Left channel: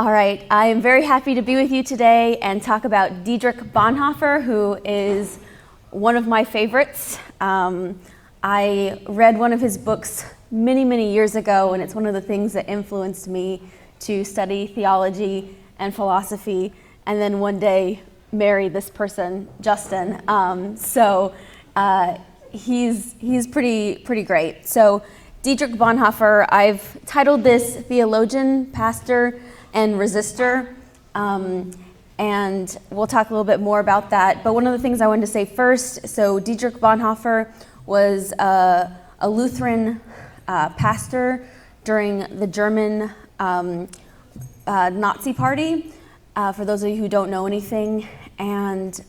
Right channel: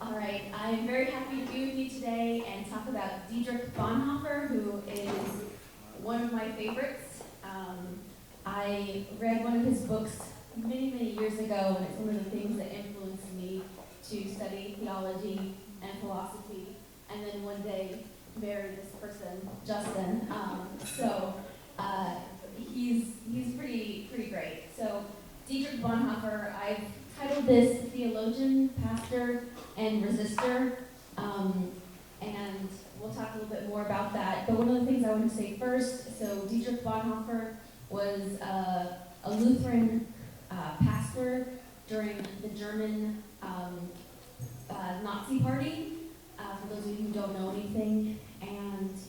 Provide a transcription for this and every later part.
All right, I am very happy to be with you today and talk about Dietrich Bonhoeffer, who is one of my favorites. I read one of his books many years ago, and it's one of the things that influenced me to study theology and philosophy, and then one day marry this person, Justin. He's pretty great. So Dietrich Bonhoeffer, I've titled this Theologian, Pastor, and Resistor, and we'll talk a little bit more about that. But one of the things I wanted to say first, so Dietrich Bonhoeffer was a Lutheran pastor during the German Nazi Party, for those of you who don't know anything, and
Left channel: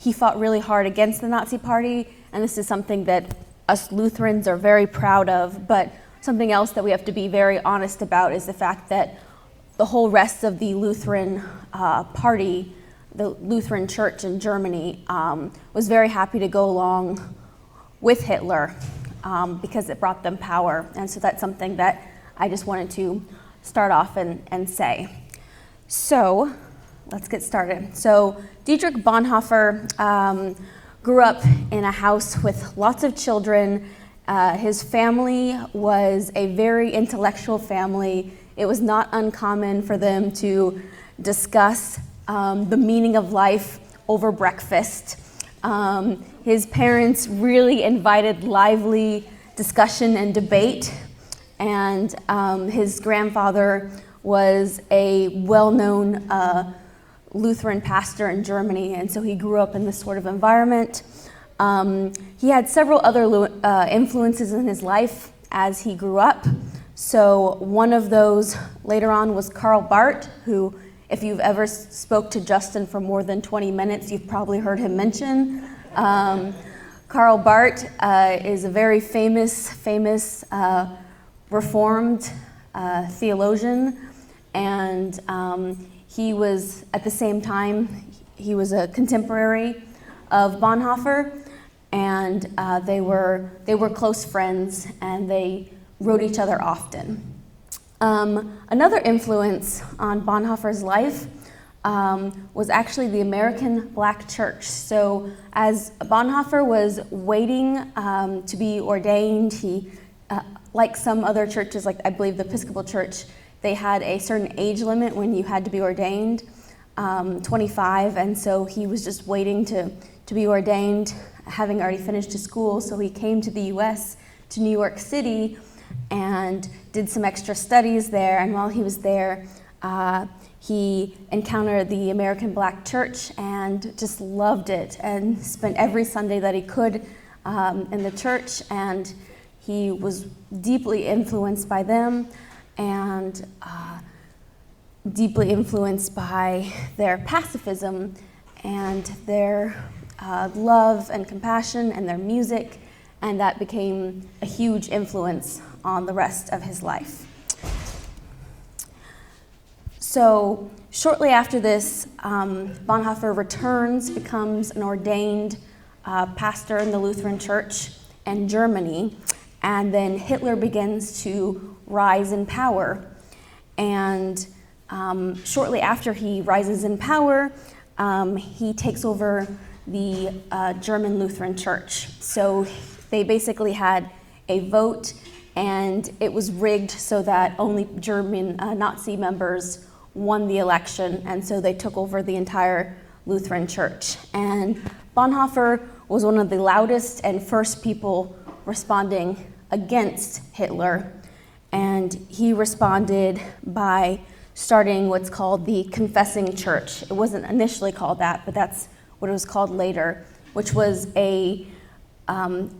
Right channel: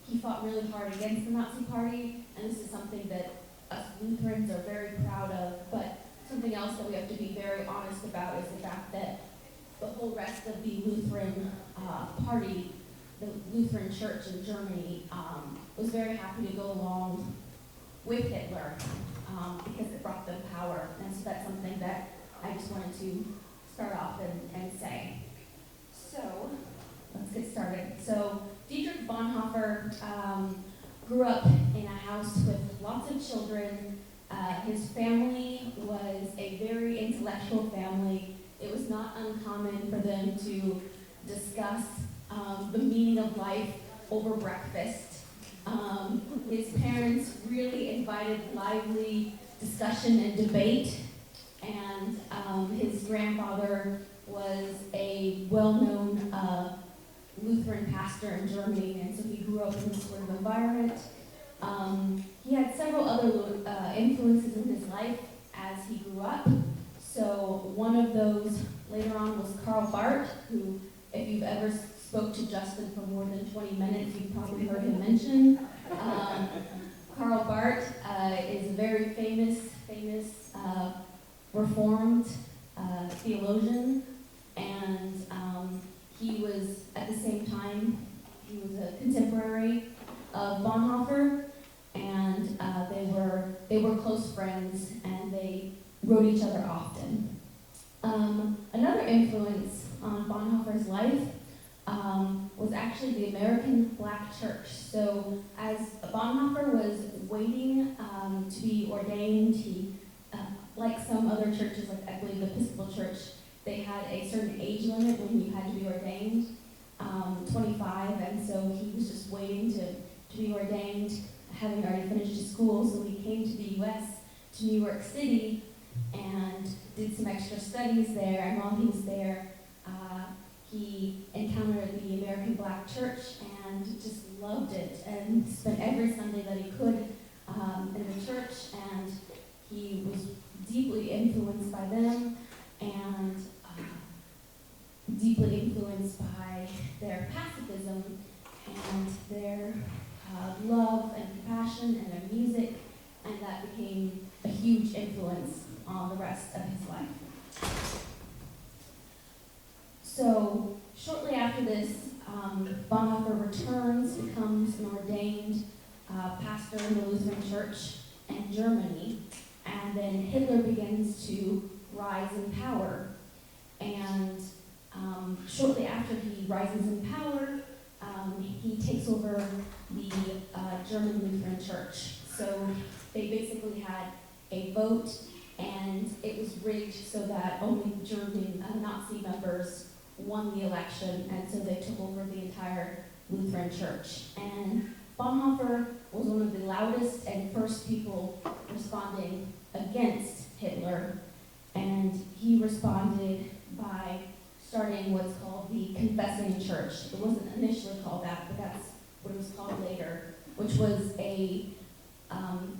he fought really hard against the Nazi Party, and this is something that us Lutherans are very proud of, but something else that we have to be very honest about is the fact that the whole rest of the Lutheran party, the Lutheran church in Germany, was very happy to go along with Hitler because it brought them power. And so that's something that I just wanted to start off and say. So let's get started. So Dietrich Bonhoeffer grew up in a house with lots of children. His family was a very intellectual family. It was not uncommon for them to discuss the meaning of life over breakfast. His parents really invited lively discussion and debate, and his grandfather was a well-known Lutheran pastor in Germany, and so he grew up in this sort of environment. He had several other influences in his life as he grew up. So one of those later on was Karl Barth, who, if you've ever spoke to Justin for more than 20 minutes, you've probably heard him mention. Karl Barth is a very famous Reformed theologian, and he was, at the same time, he was a contemporary of Bonhoeffer, and they were close friends, and they wrote each other often. Another influence on Bonhoeffer's life was actually the American Black Church. So as Bonhoeffer was waiting to be ordained, he, like some other churches, like I believe the Episcopal Church, they had a certain age limit when you had to be ordained, 25, and so he was just waiting to be ordained, having already finished his school, so he came to the U.S., to New York City, and did some extra studies there, and while he was there, he encountered the American Black Church and just loved it and spent every Sunday that he could in the church, and he was deeply influenced by them and deeply influenced by their pacifism and their love and compassion and their music, and that became a huge influence on the rest of his life. So shortly after this, Bonhoeffer returns, becomes an ordained pastor in the Lutheran Church in Germany, and then Hitler begins to rise in power. And shortly after he rises in power, he takes over the German Lutheran Church. So they basically had a vote, and it was rigged so that only German Nazi members won the election, and so they took over the entire Lutheran Church. And Bonhoeffer was one of the loudest and first people responding against Hitler, and he responded by starting what's called the Confessing Church. It wasn't initially called that, but that's what it was called later, which was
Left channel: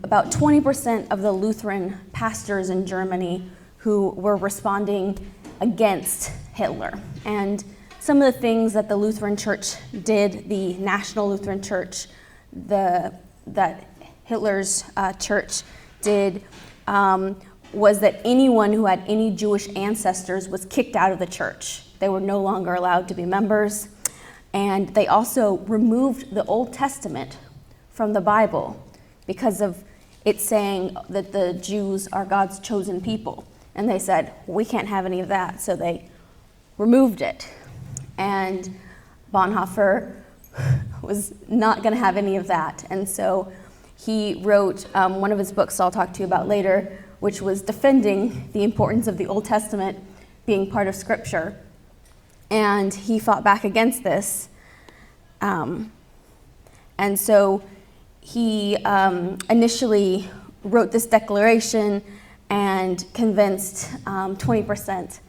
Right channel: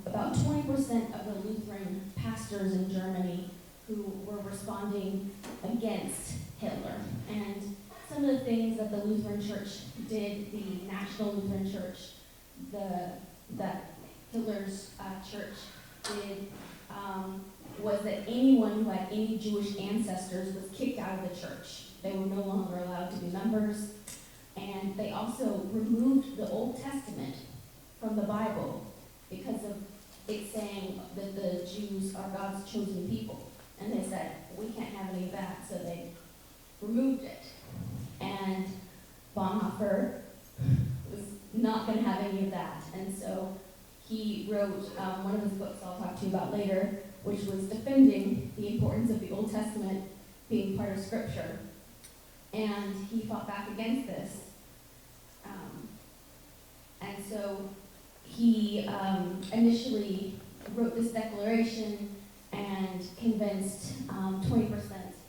about 20% of the Lutheran pastors in Germany who were responding against Hitler. And some of the things that the Lutheran Church did, the National Lutheran Church, that Hitler's church did, was that anyone who had any Jewish ancestors was kicked out of the church. They were no longer allowed to be members. And they also removed the Old Testament from the Bible because of it saying that the Jews are God's chosen people. And they said, we can't have any of that. So they removed it. And Bonhoeffer was not going to have any of that. And so he wrote one of his books I'll talk to you about later, which was defending the importance of the Old Testament being part of Scripture. And he fought back against this. And so he initially wrote this declaration and convinced 20%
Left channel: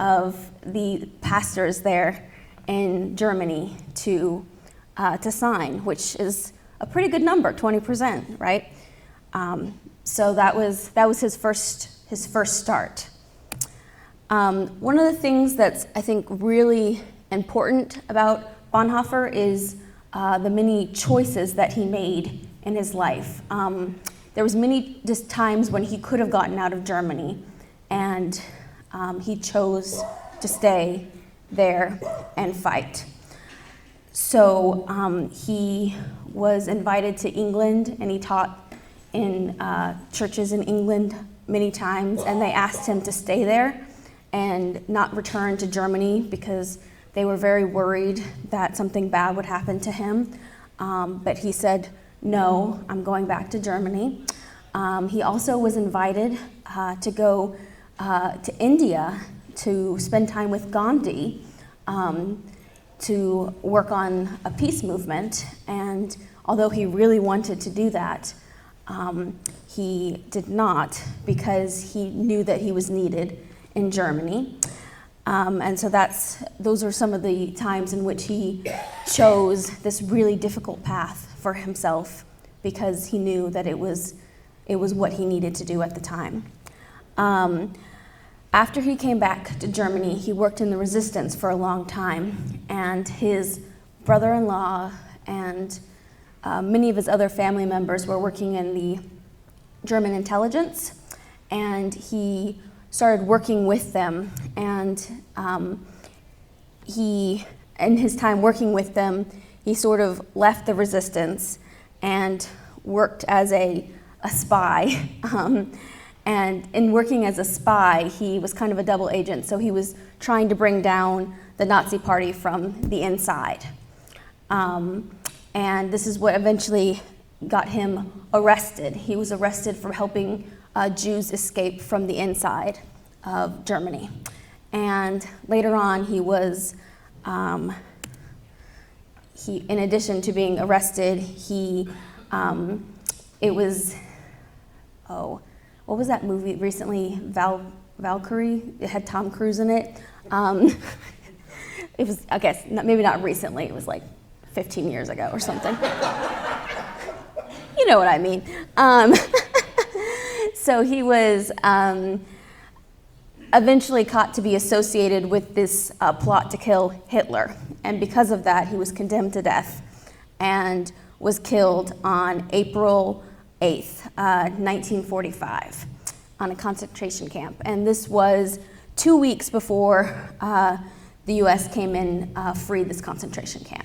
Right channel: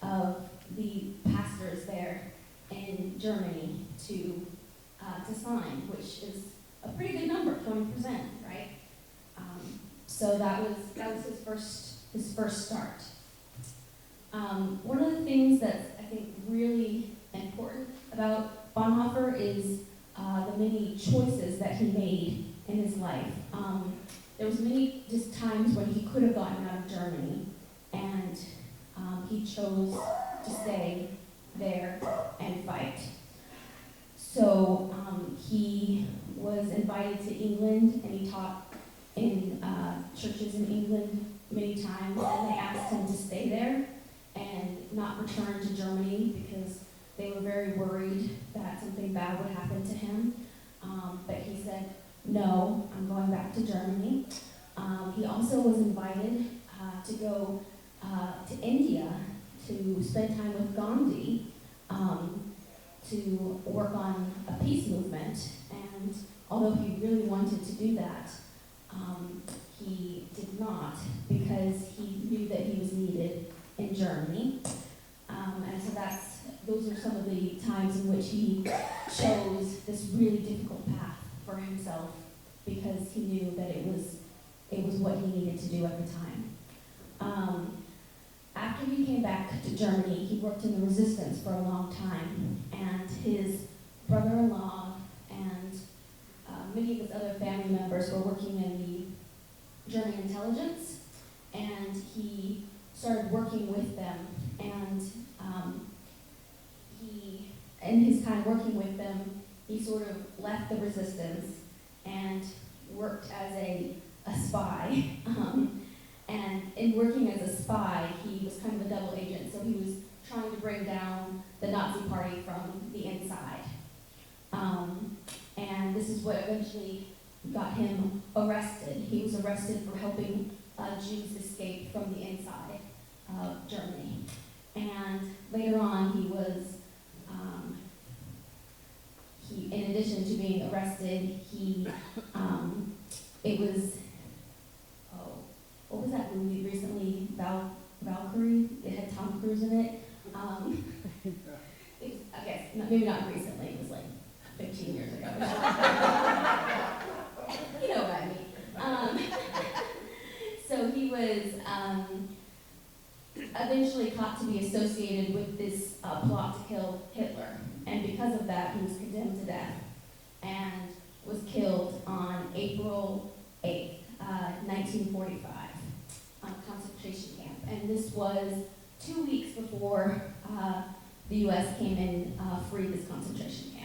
of the pastors there in Germany to sign, which is a pretty good number, 20%, right? So that was his first start. One of the things that's, I think, really important about Bonhoeffer is the many choices that he made in his life. There was many just times when he could have gotten out of Germany, and he chose to stay there and fight. So he was invited to England, and he taught in churches in England many times, and they asked him to stay there and not return to Germany because they were very worried that something bad would happen to him. But he said, no, I'm going back to Germany. He also was invited to go to India to spend time with Gandhi, to work on a peace movement. And although he really wanted to do that, he did not, because he knew that he was needed in Germany. And so those are some of the times in which he chose this really difficult path for himself, because he knew that it was what he needed to do at the time. After he came back to Germany, he worked in the resistance for a long time, and his brother-in-law and many of his other family members were working in the German intelligence, and he started working with them, and in his time working with them, he sort of left the resistance and worked as a spy. And in working as a spy, he was kind of a double agent, so he was trying to bring down the Nazi Party from the inside. And this is what eventually got him arrested. He was arrested for helping Jews escape from the inside of Germany. And later on, he was, in addition to being arrested, what was that movie recently, Valkyrie? It had Tom Cruise in it. It was, I guess, maybe not recently, it was like 15 years ago or something. You know what I mean. So he was eventually caught to be associated with this plot to kill Hitler. And because of that, he was condemned to death and was killed on April 8th, 1945, on a concentration camp. And this was 2 weeks before the U.S. came in, freed this concentration camp.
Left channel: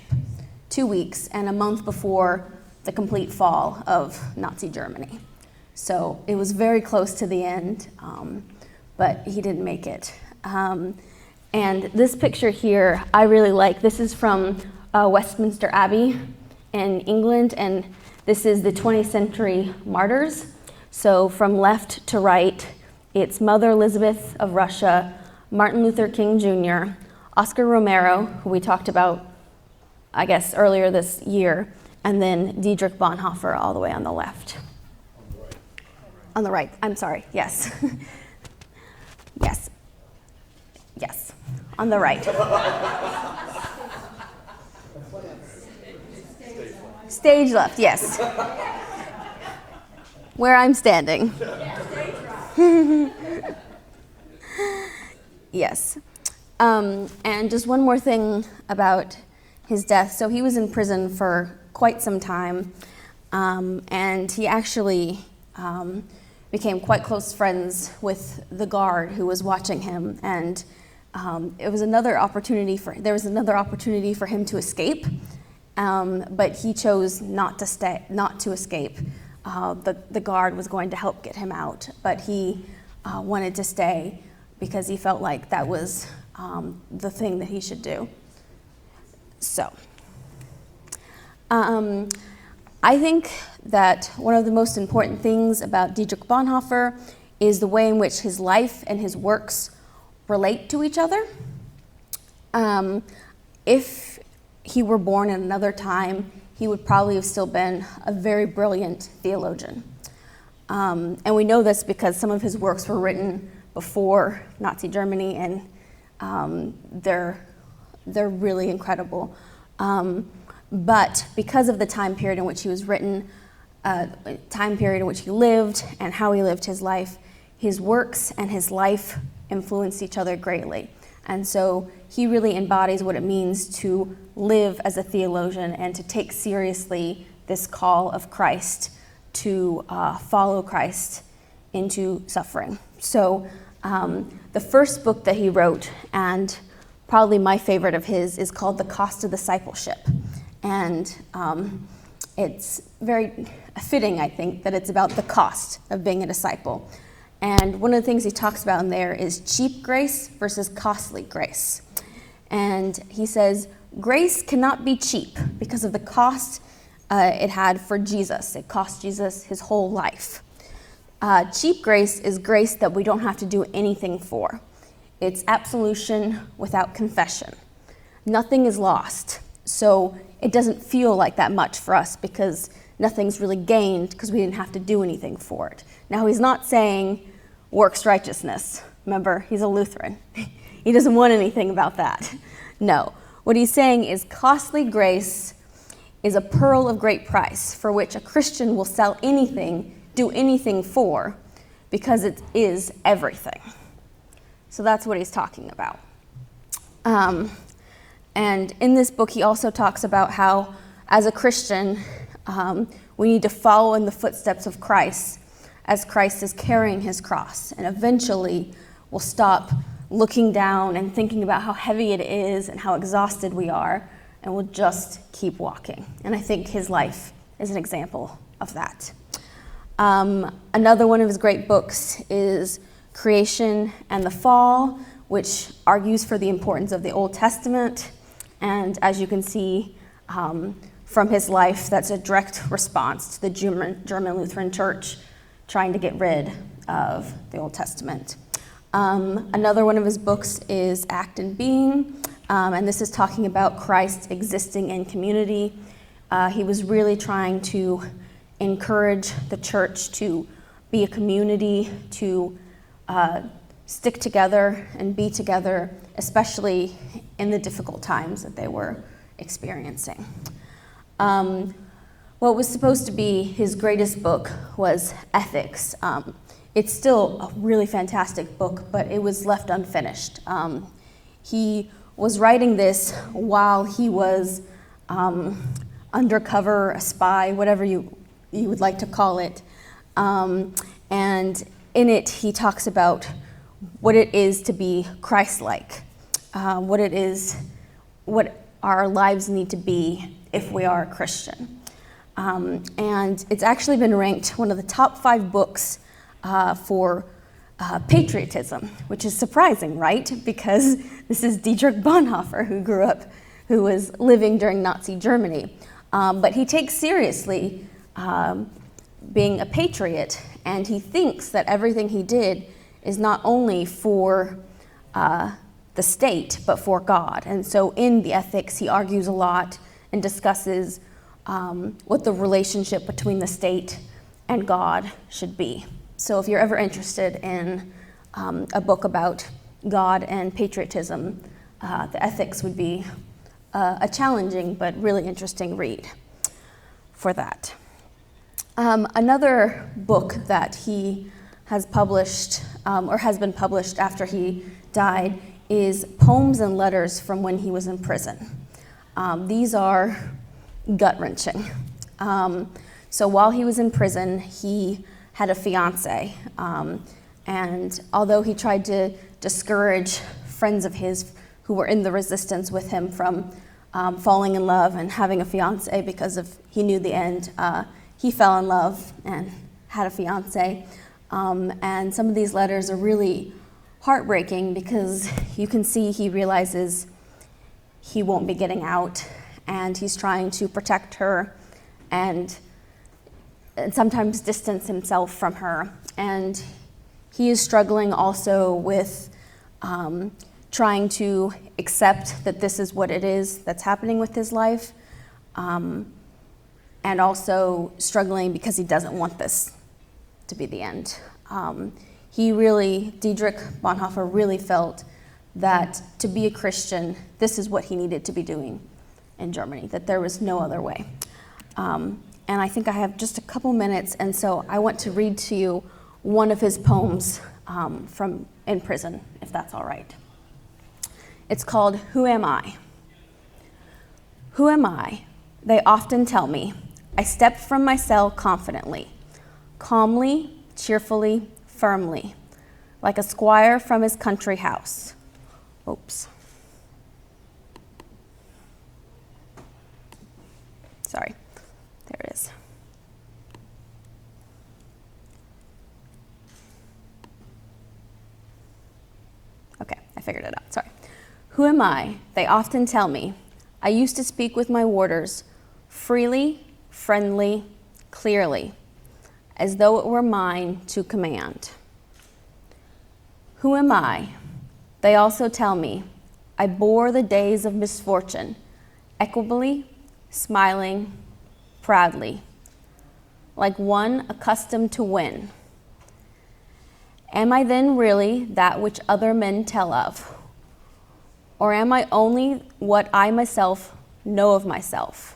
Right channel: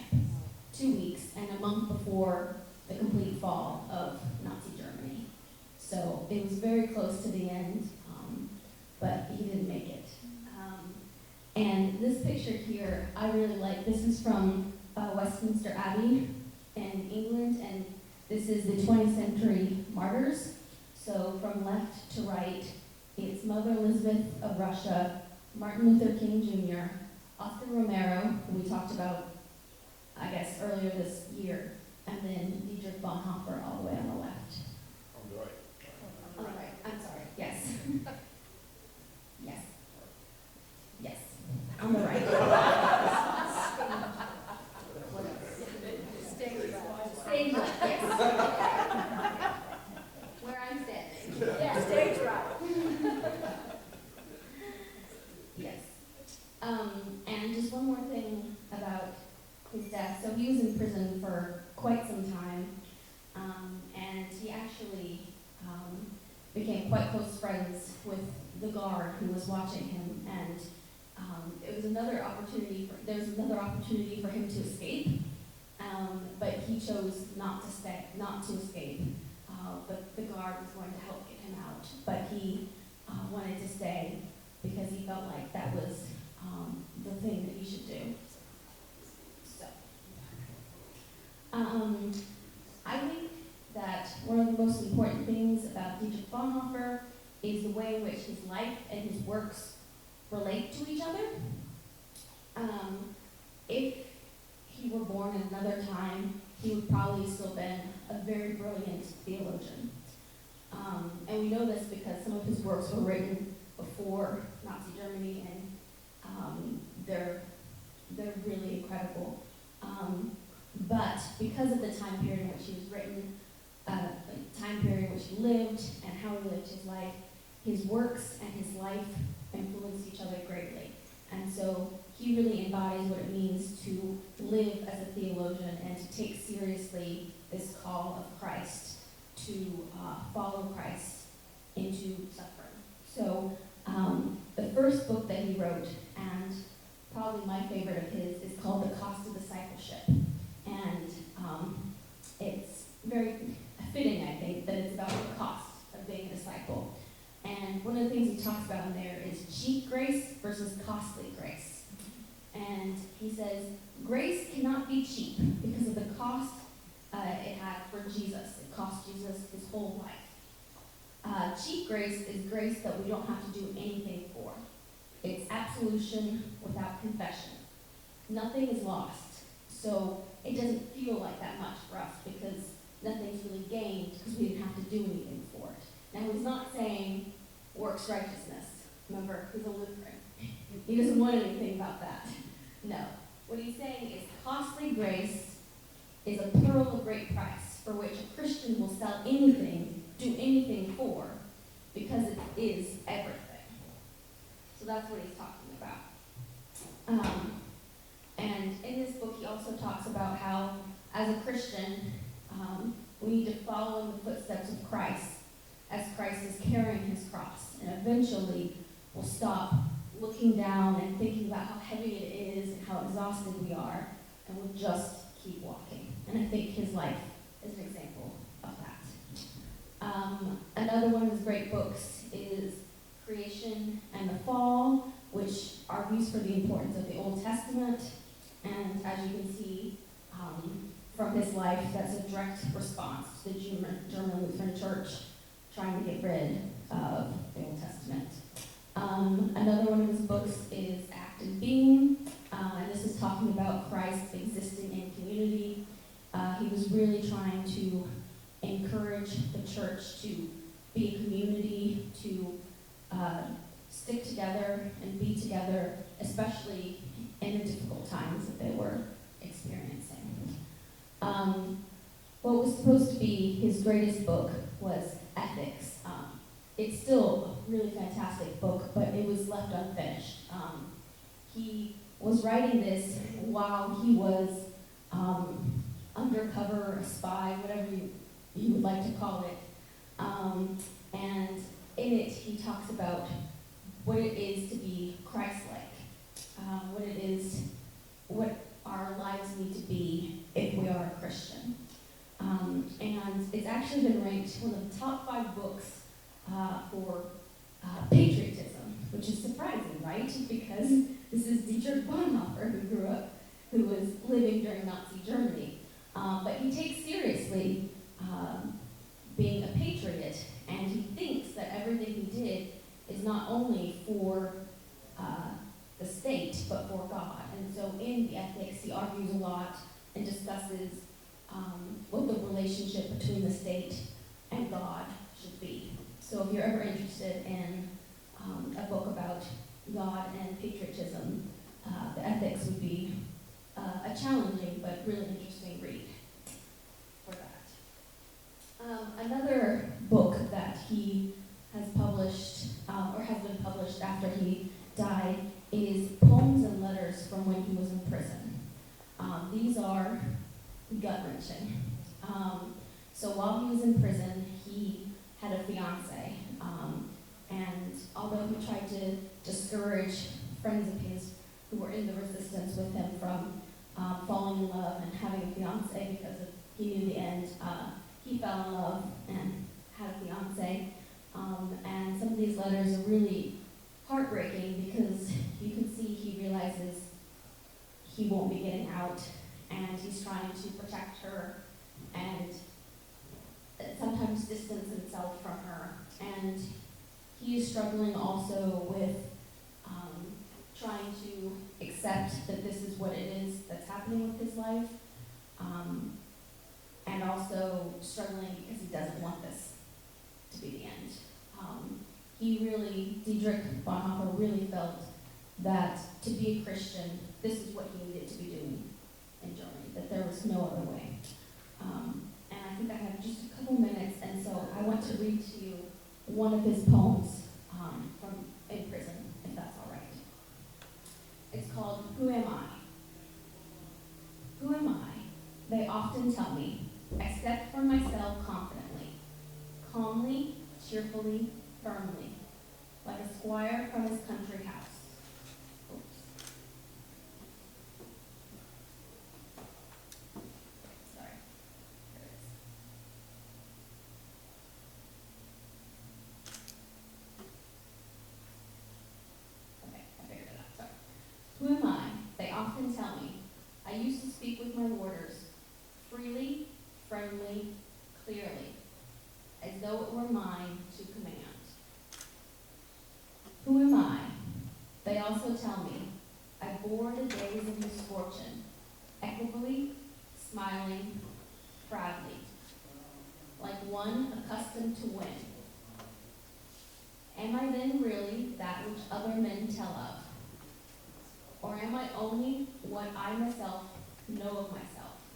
2 weeks, and a month before the complete fall of Nazi Germany. So it was very close to the end, but he didn't make it. And this picture here, I really like. This is from Westminster Abbey in England, and this is the 20th century martyrs. So from left to right, it's Mother Elizabeth of Russia, Martin Luther King Jr., Oscar Romero, who we talked about, I guess, earlier this year, and then Dietrich Bonhoeffer all the way on the left. On the right, I'm sorry, yes. Yes. Yes, on the right. Stage left, yes. Where I'm standing. Yes. And just one more thing about his death. So he was in prison for quite some time, and he actually became quite close friends with the guard who was watching him, and there was another opportunity for him to escape, but he chose not to escape. The guard was going to help get him out, but he wanted to stay because he felt like that was the thing that he should do. So, I think that one of the most important things about Dietrich Bonhoeffer is the way in which his life and his works relate to each other. If he were born in another time, he would probably have still been a very brilliant theologian. And we know this because some of his works were written before Nazi Germany, and they're really incredible. But because of the time period in which he was written, time period in which he lived, and how he lived his life, his works and his life influenced each other greatly. And so he really embodies what it means to live as a theologian and to take seriously this call of Christ to follow Christ into suffering. So the first book that he wrote, and probably my favorite of his, is called The Cost of Discipleship. And it's very fitting, I think, that it's about the cost of being a disciple. And one of the things he talks about in there is cheap grace versus costly grace. And he says, grace cannot be cheap because of the cost it had for Jesus. It cost Jesus his whole life. Cheap grace is grace that we don't have to do anything for. It's absolution without confession. Nothing is lost. So it doesn't feel like that much for us because nothing's really gained because we didn't have to do anything for it. Now, he's not saying works righteousness. Remember, he's a Lutheran. He doesn't want anything about that. No. What he's saying is costly grace is a pearl of great price for which a Christian will sell anything, do anything for, because it is everything. So that's what he's talking about. And in this book, he also talks about how, as a Christian, we need to follow in the footsteps of Christ as Christ is carrying his cross. And eventually, we'll stop looking down and thinking about how heavy it is and how exhausted we are, and we'll just keep walking. And I think his life is an example of that. Another one of his great books is Creation and the Fall, which argues for the importance of the Old Testament. And as you can see from his life, that's a direct response to the German Lutheran Church trying to get rid of the Old Testament. Another one of his books is Act and Being, and this is talking about Christ existing in community. He was really trying to encourage the church to be a community, to stick together and be together, especially in the difficult times that they were experiencing. What was supposed to be his greatest book was Ethics. It's still a really fantastic book, but it was left unfinished. He was writing this while he was undercover, a spy, whatever you would like to call it. And in it, he talks about what it is to be Christ-like, what our lives need to be if we are a Christian. And it's actually been ranked one of the top 5 books for patriotism, which is surprising, right? Because this is Dietrich Bonhoeffer, who was living during Nazi Germany. But he takes seriously being a patriot, and he thinks that everything he did is not only for the state, but for God. And so in the Ethics, he argues a lot and discusses what the relationship between the state and God should be. So if you're ever interested in a book about God and patriotism, the Ethics would be a challenging but really interesting read for that. Another book that he has published, or has been published after he died, is Poems and Letters from When He Was in Prison. These are gut-wrenching. So while he was in prison, he had a fiance, and although he tried to discourage friends of his who were in the resistance with him from falling in love and having a fiance because he knew the end, he fell in love and had a fiance. And some of these letters are really heartbreaking because you can see he realizes he won't be getting out, and he's trying to protect her and sometimes distance himself from her. And he is struggling also with trying to accept that this is what it is that's happening with his life, and also struggling because he doesn't want this to be the end. Dietrich Bonhoeffer really felt that to be a Christian, this is what he needed to be doing in Germany, that there was no other way. And I think I have just a couple minutes, and so I want to read to you one of his poems from in prison, if that's all right. It's called, Who Am I? Who am I? They often tell me. I step from my cell confidently, calmly, cheerfully, firmly, like a squire from his country house. Oops. Sorry, there it is. Okay, I figured it out, sorry. Who am I? They often tell me. I used to speak with my warders, freely, friendly, clearly, as though it were mine to command. Who am I? They also tell me. I bore the days of misfortune, equably, smiling, proudly, like one accustomed to win. Am I then really that which other men tell of? Or am I only what I myself know of myself,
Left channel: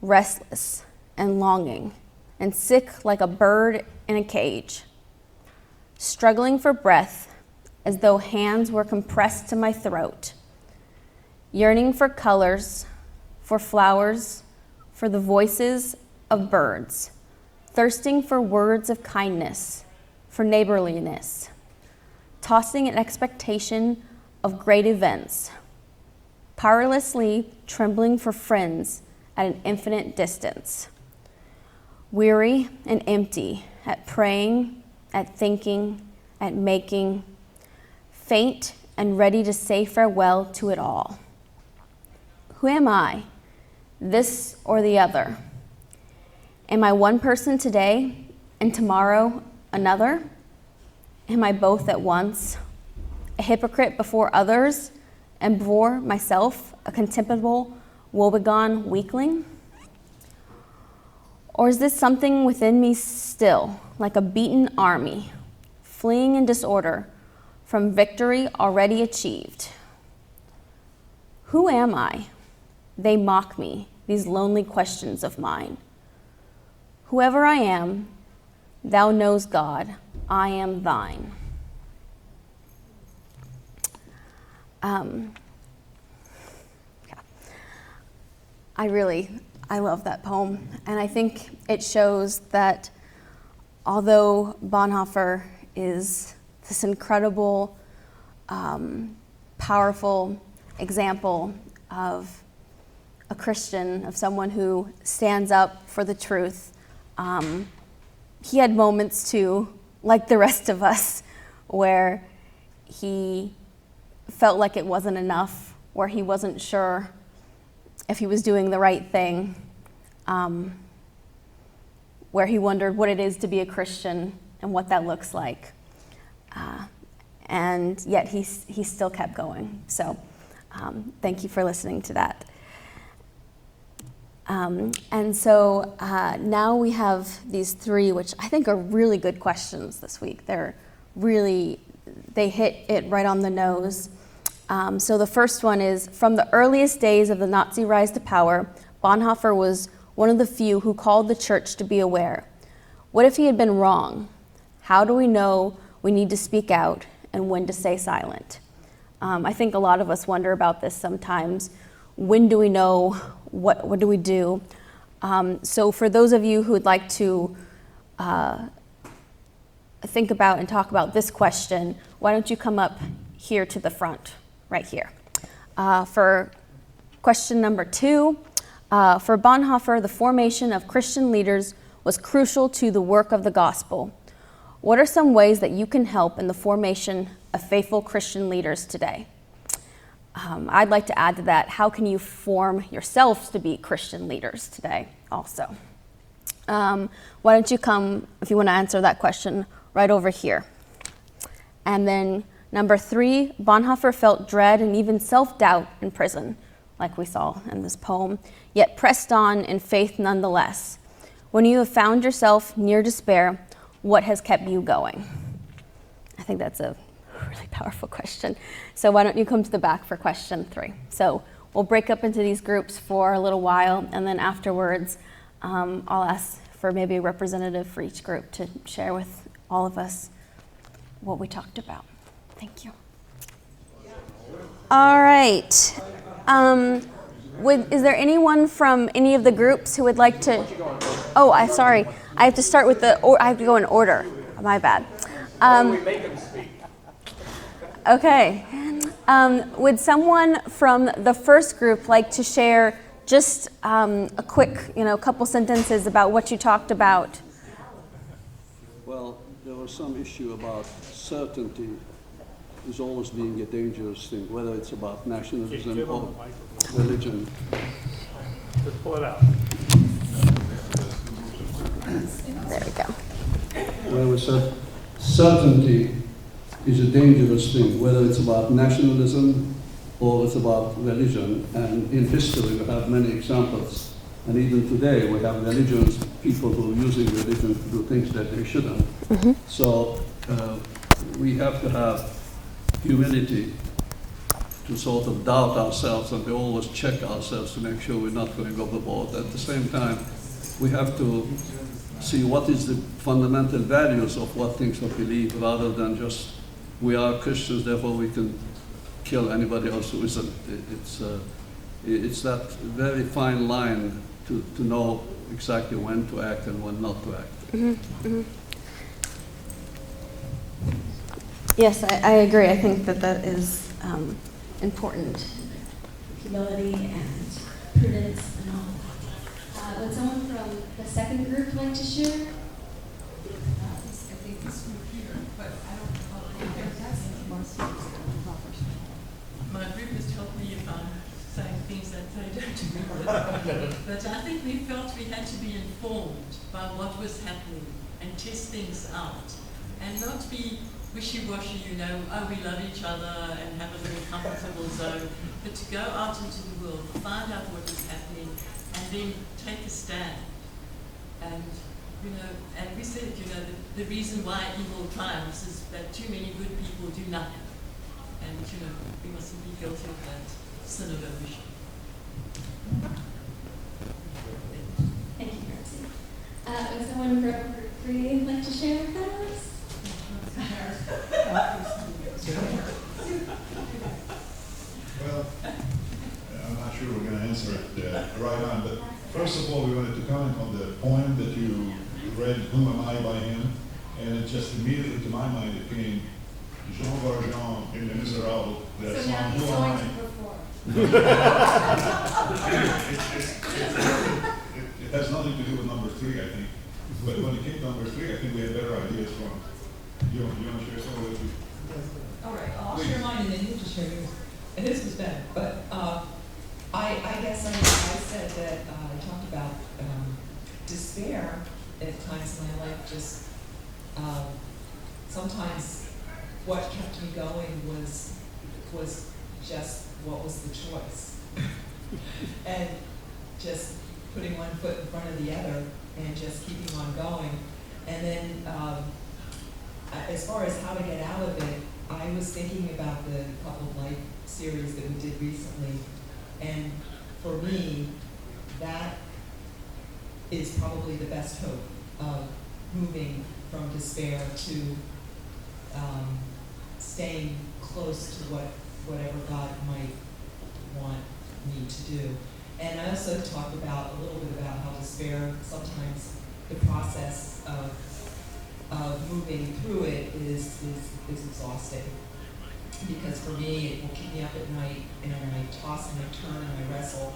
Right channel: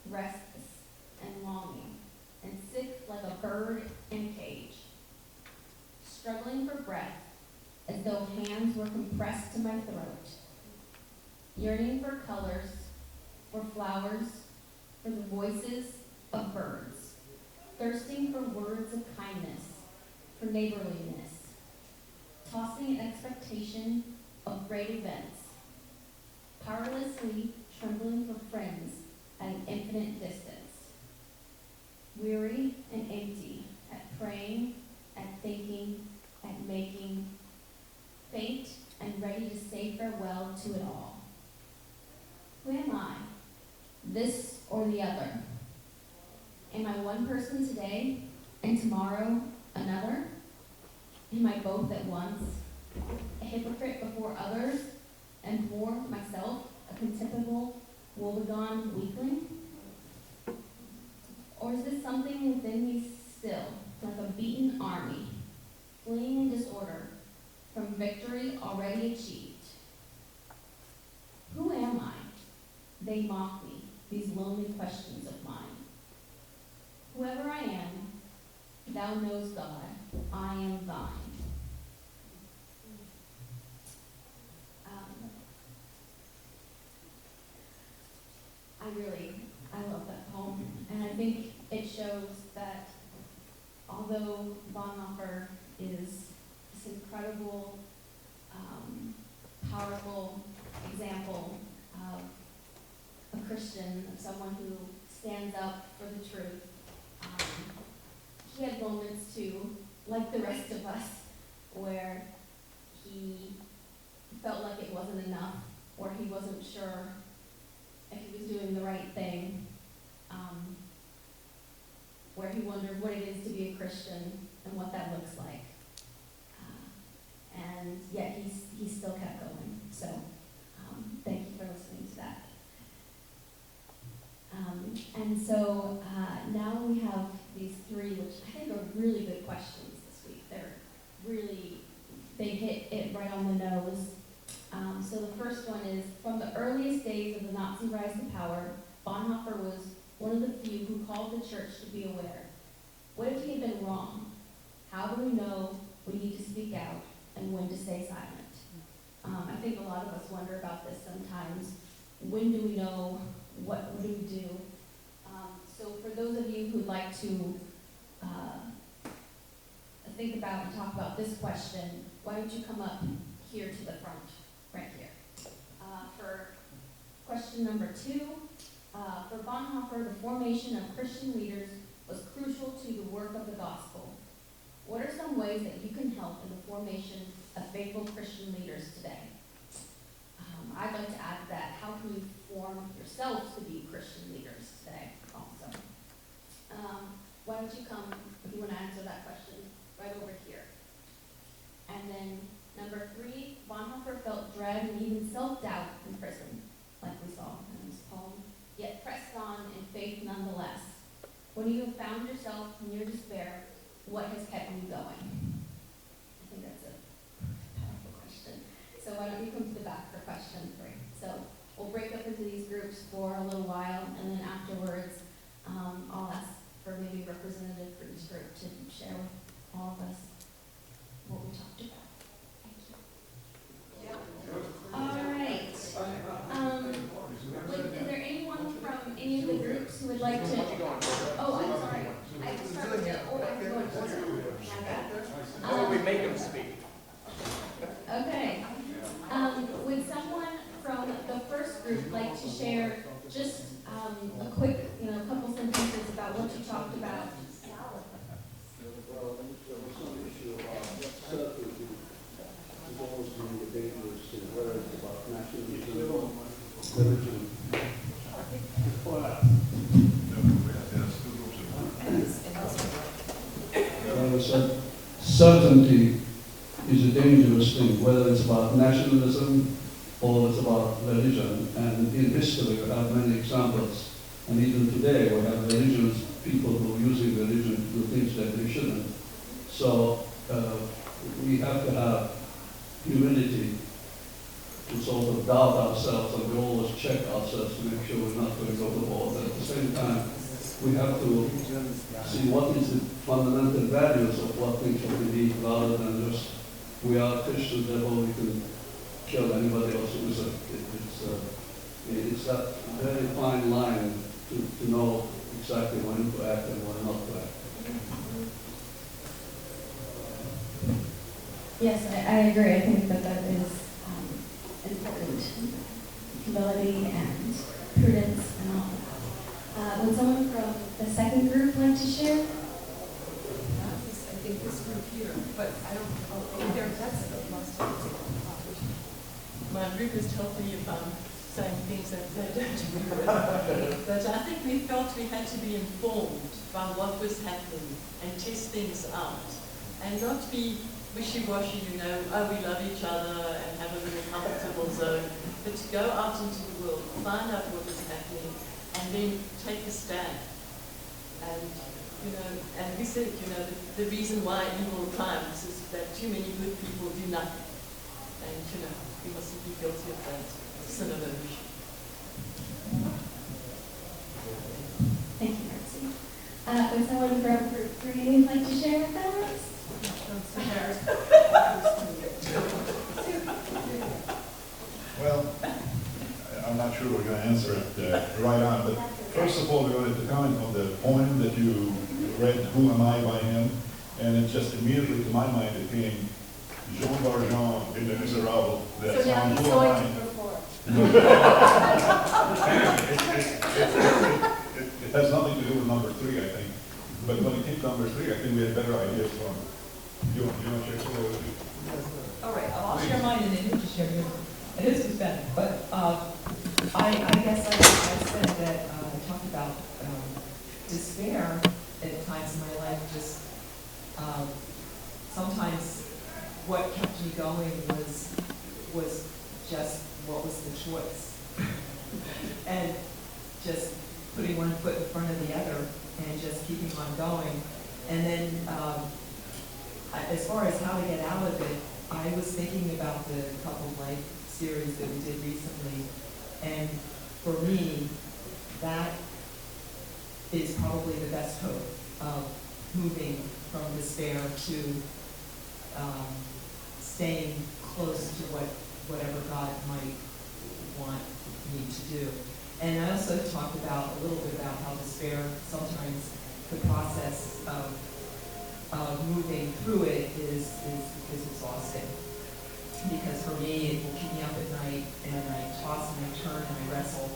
restless and longing, and sick like a bird in a cage, struggling for breath as though hands were compressed to my throat, yearning for colors, for flowers, for the voices of birds, thirsting for words of kindness, for neighborliness, tossing an expectation of great events, powerlessly trembling for friends at an infinite distance, weary and empty at praying, at thinking, at making, faint and ready to say farewell to it all. Who am I? This or the other? Am I one person today and tomorrow another? Am I both at once? A hypocrite before others and before myself, a contemptible, woebegone weakling? Or is this something within me still, like a beaten army, fleeing in disorder from victory already achieved? Who am I? They mock me, these lonely questions of mine. Whoever I am, thou knows, God, I am thine. I love that poem, and I think it shows that although Bonhoeffer is this incredible, powerful example of a Christian, of someone who stands up for the truth, he had moments too, like the rest of us, where he felt like it wasn't enough, where he wasn't sure if he was doing the right thing, where he wondered what it is to be a Christian and what that looks like. And yet he still kept going. So thank you for listening to that. And so now we have these three, which I think are really good questions this week. They hit it right on the nose. So the first one is, from the earliest days of the Nazi rise to power, Bonhoeffer was one of the few who called the church to be aware. What if he had been wrong? How do we know we need to speak out and when to stay silent? I think a lot of us wonder about this sometimes. When do we know? What do we do? So for those of you who would like to think about and talk about this question, why don't you come up here to the front, right here. For question number 2, for Bonhoeffer, the formation of Christian leaders was crucial to the work of the gospel. What are some ways that you can help in the formation of faithful Christian leaders today. I'd like to add to that, how can you form yourselves to be Christian leaders today also? Why don't you come, if you want to answer that question, right over here. And then number 3, Bonhoeffer felt dread and even self-doubt in prison, like we saw in this poem, yet pressed on in faith nonetheless. When you have found yourself near despair, what has kept you going? I think that's a really powerful question. So why don't you come to the back for question 3? So we'll break up into these groups for a little while, and then afterwards I'll ask for maybe a representative for each group to share with all of us what we talked about. Thank you. All right. Is there anyone from any of the groups who would like to? Oh, I'm sorry. I have to start with I have to go in order. My bad. We make them speak. Okay. Would someone from the first group like to share just a quick, couple sentences about what you talked about? Well, there was some issue about certainty is always being a dangerous thing, whether it's about nationalism or religion. Just pull it out. There we go. Where we said certainty is a dangerous thing, whether it's about nationalism or it's about religion. And in history, we have many examples. And even today, we have religions, people who are using religion to do things that they shouldn't. Mm-hmm. So we have to have humility to sort of doubt ourselves, and we always check ourselves to make sure we're not going overboard. At the same time, we have to see what is the fundamental values of what things we believe, rather than just we are Christians, therefore we can kill anybody else who isn't. It's that very fine line to know exactly when to act and when not to act. Mm-hmm. Mm-hmm. Yes, I agree. I think that is important. Humility and prudence and all. Would someone from the second group like to share? I think this group here, but I don't know if that's the most my group has told me about saying things that they don't agree with. But I think we felt we had to be informed by what was happening and test things out. And not be wishy-washy, oh, we love each other and have a very comfortable zone, but to go out into the world, find out what is happening, and then take a stand. And, and we said, the reason why evil triumphs is that too many good people do nothing. And, we mustn't be guilty of that sin of omission. Thank you, Nancy. Would someone from group 3 like to share with us? Well, I'm not sure we're going to answer it right on, but first of all, we wanted to comment on the poem that you read, Whom Am I, by him, and it just immediately to my mind it came Jean Valjean in Les Miserables, that So now song, he's Who going Am to I? perform. It has nothing to do with number 3, I think. But when it came to number 3, I think we had better ideas from. You want to share some with me? All right, I'll share mine and then you just share yours. And this was better, but I guess I said that I talked about despair at times in my life. Just sometimes what kept me going was just what was the choice, and just putting one foot in front of the other and just keeping on going. And then as far as how to get out of it, I was thinking about the couple of life series that we did recently, and for me, that is probably the best hope of moving from despair to staying close to whatever God might want me to do. And I also talked about a little bit about how despair, sometimes the process of moving through it is exhausting. Because for me, it will keep me up at night, and I toss and I turn and I wrestle,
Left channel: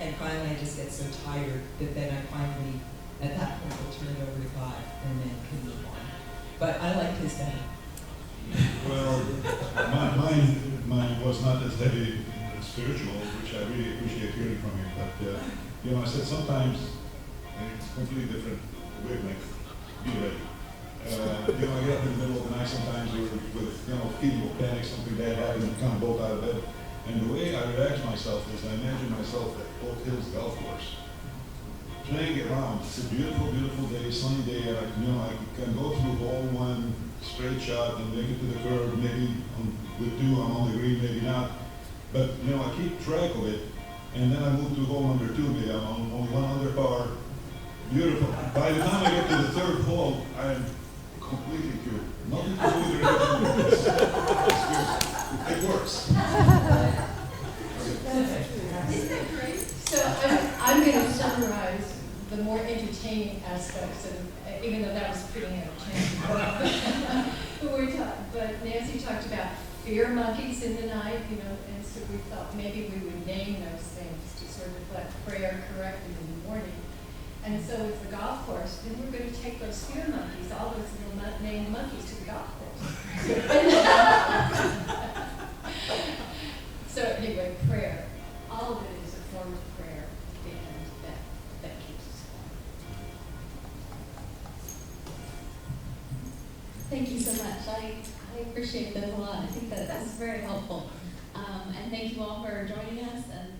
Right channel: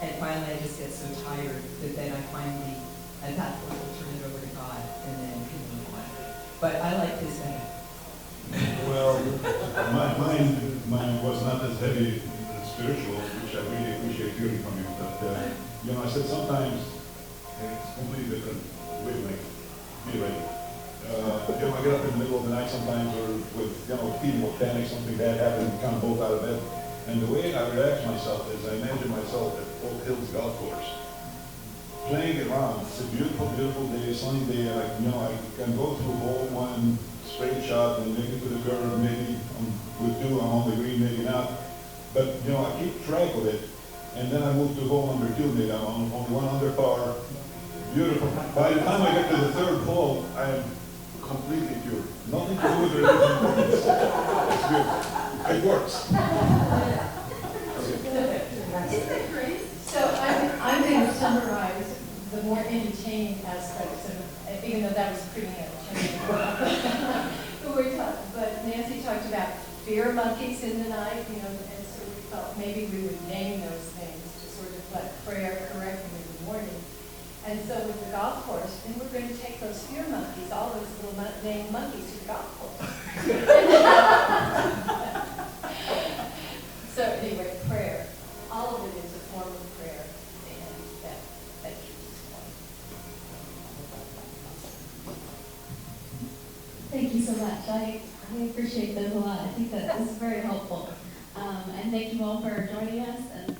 and finally I just get so tired that then I finally, at that point, will turn it over to God and then can move on. But I like his better. Well, mine was not as heavy spiritual, which I really appreciate hearing from you. But you know, I said sometimes it's completely different wavelength. Be ready. You know, I get up in the middle of the night sometimes, or with feeling of panic, something bad happened, kind of bolt out of bed. And the way I relax myself is I imagine myself at Oak Hills Golf Course, playing around. It's a beautiful, beautiful day, sunny day, and I can go through hole one, straight shot, and make it to the curve. Maybe with two, I'm on the green, maybe not. But I keep track of it, and then I move to hole number two. Maybe I'm on one under par. Beautiful. By the time I get to the third hole, I am completely pure. Nothing to do with the It's beautiful. It works. So I'm going to summarize the more entertaining aspects of, even though that was pretty entertaining. But Nancy talked about fear monkeys in the night, and so we thought maybe we would name those things to sort of let prayer correct them in the morning. And so with the golf course, then we're going to take those fear monkeys, all those little named monkeys, to the golf course. So anyway, prayer. All of it is a form of prayer, and that keeps us going. Thank you so much. I appreciate those a lot. I think that this is very helpful. And thank you all for joining us. And